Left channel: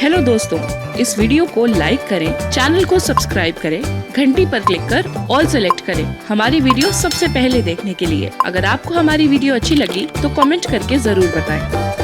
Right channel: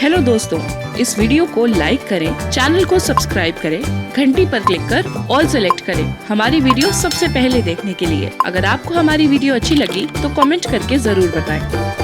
हेलो दोस्तों, इस वीडियो को लाइक करें, चैनल को सब्सक्राइब करें, घंटी पर क्लिक कर ऑल सेलेक्ट करें हमारी वीडियो सबसे पहले देखने के लिए। अगर आपको हमारी वीडियो अच्छी लगी तो कमेंट करके जरूर बताएं।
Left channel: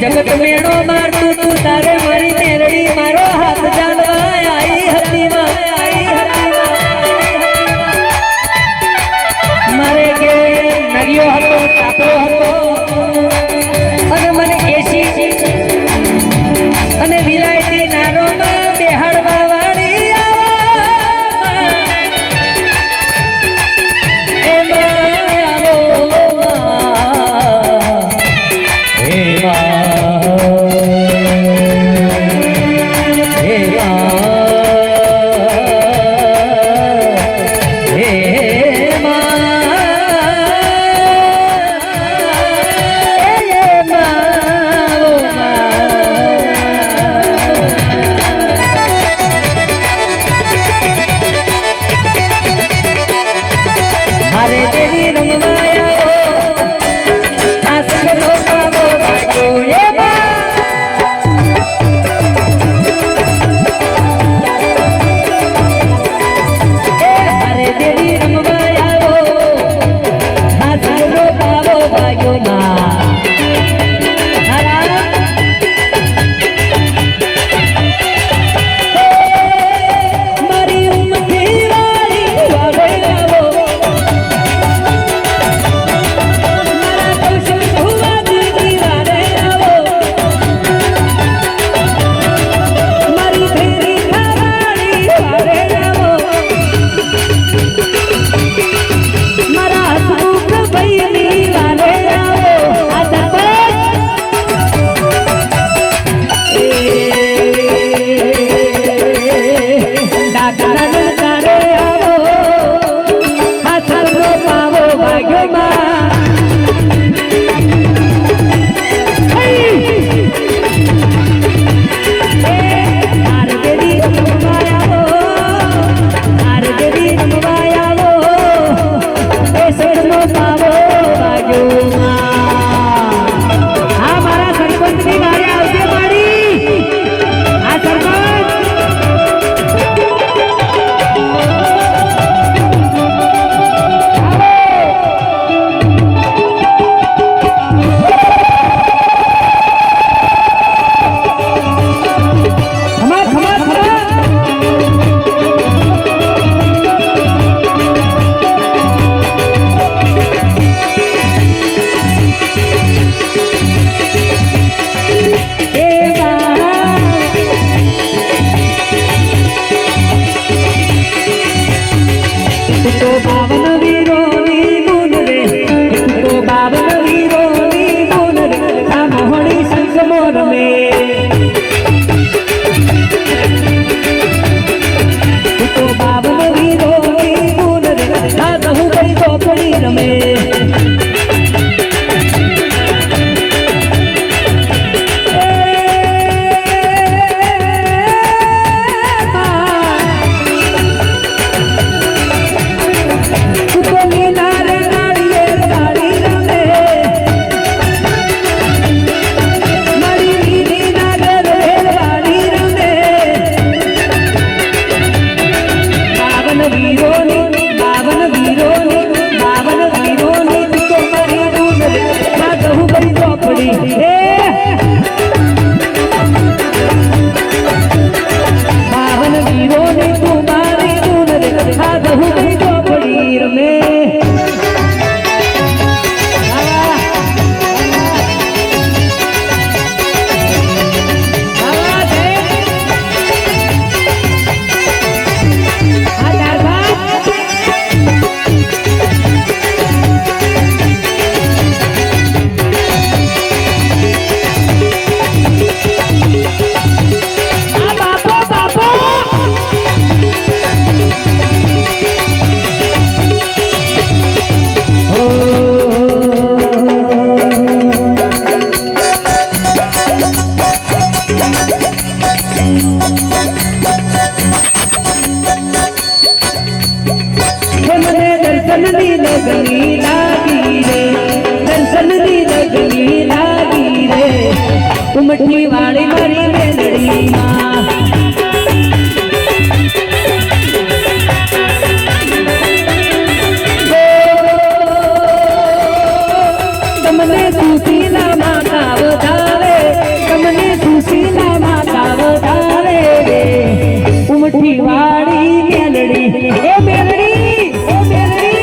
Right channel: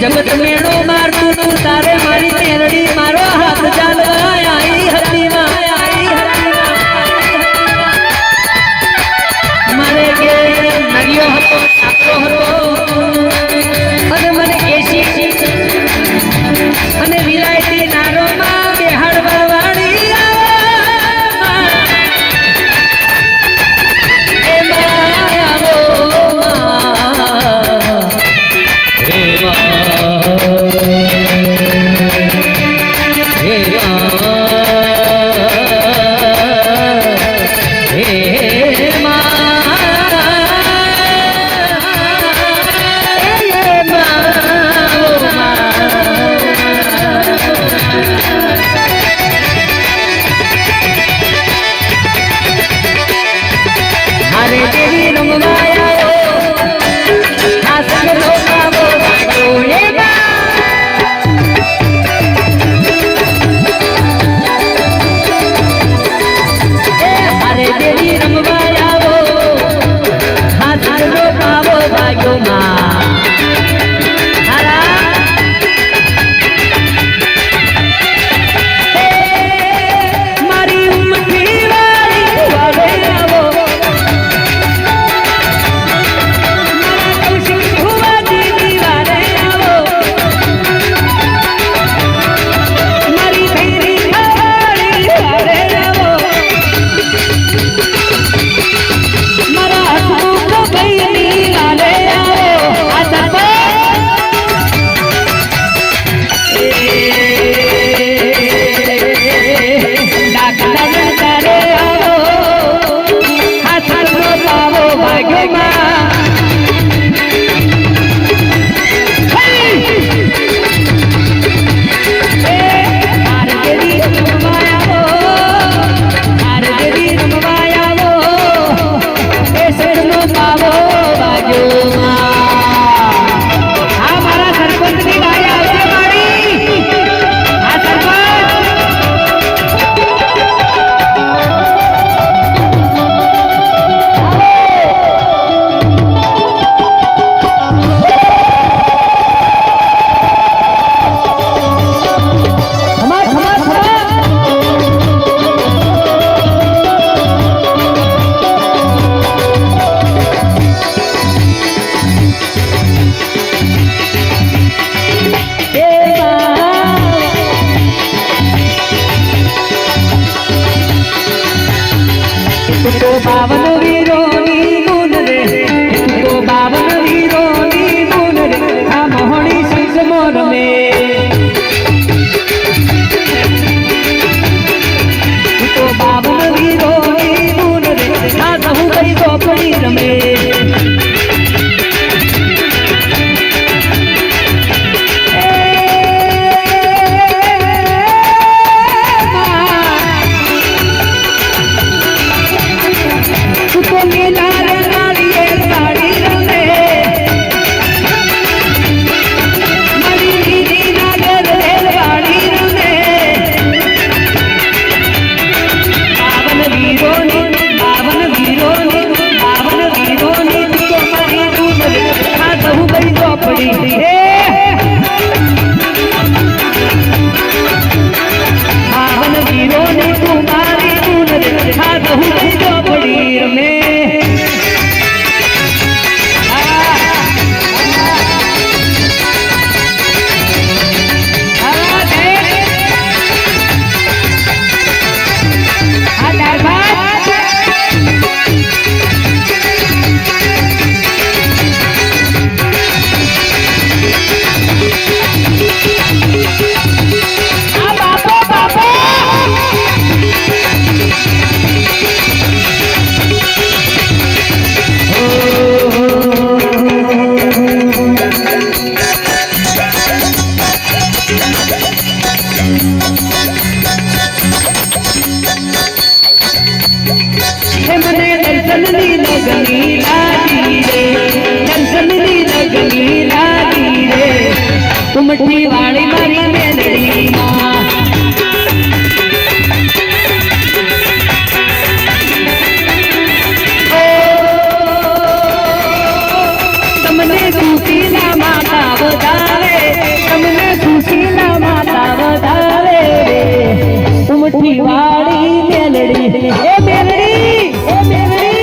जगत मेड़ो मार तू तारे मारी मेरड़ी मारो हाथ जालवा आई हती मारे के नरियो हतो कापरो हतो અને મને કેસી અને વિલાયતી નારો માં બેહાડ વાળી એ માવો હે મા तो बावन वीरोनी गुण रे तो बावन वीरोनी गुण रे आ मोहनी सिंह मोर में तो बावन वीरोनी गुण रे आ कहू कई गोपड़ी रमे उमटी वाली मारी मेलड़ी तमने खुशी ना माता बतावे तमने खुशी ना माता बतावे रे उमटी वाली मेलड़ी ए मेलड़ी ए मेलड़ी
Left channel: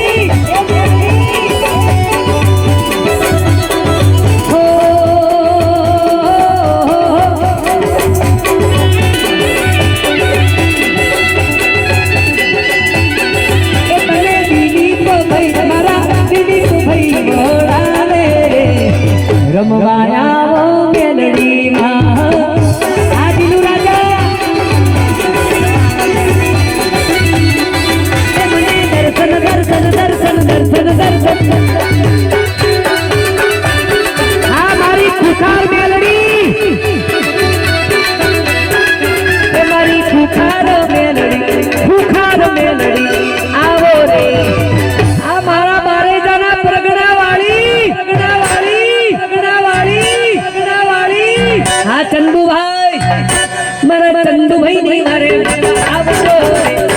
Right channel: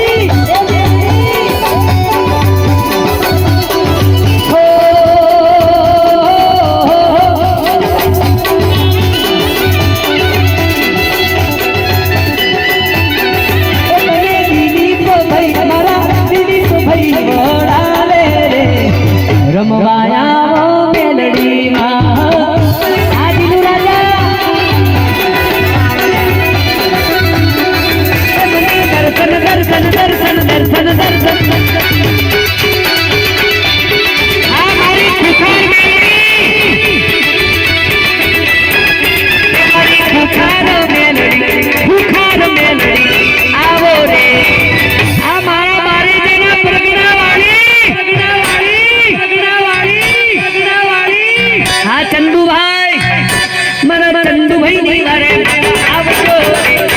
चंदू भाई मरा चंदू भाई नहीं मारे